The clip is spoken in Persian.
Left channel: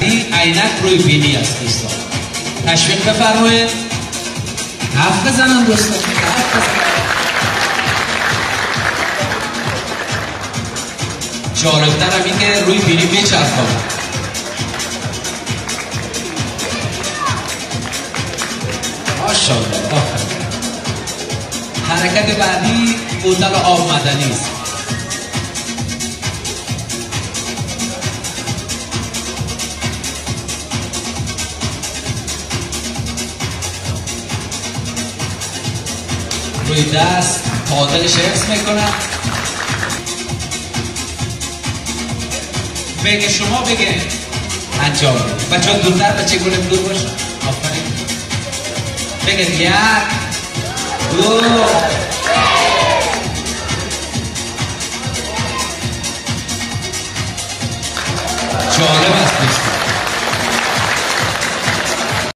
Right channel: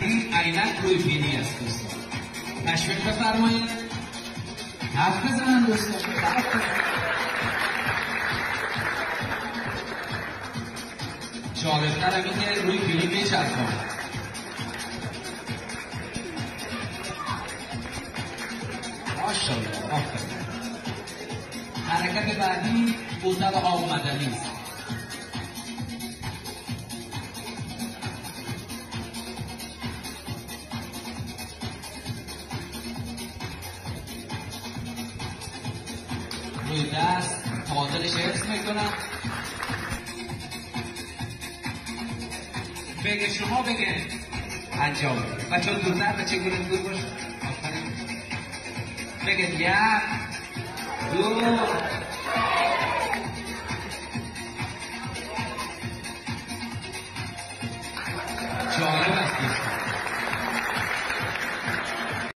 این عینک روی بینی است دوستان. تشویق بفرمایید. حرف بزنم دوستان، حرف بزنم. جالبتر هم این که روی بینی میچرخم. ماشاءالله. آفرین. حرکت بعدی بوتل آب معدنی است. روی دست تعادلش حفظ میکنم. بگه شما بگه انجام بده. بچه ها دورتر، بچه گلم دور باش. آفرین. بگه یک دو. جالب است دوستان.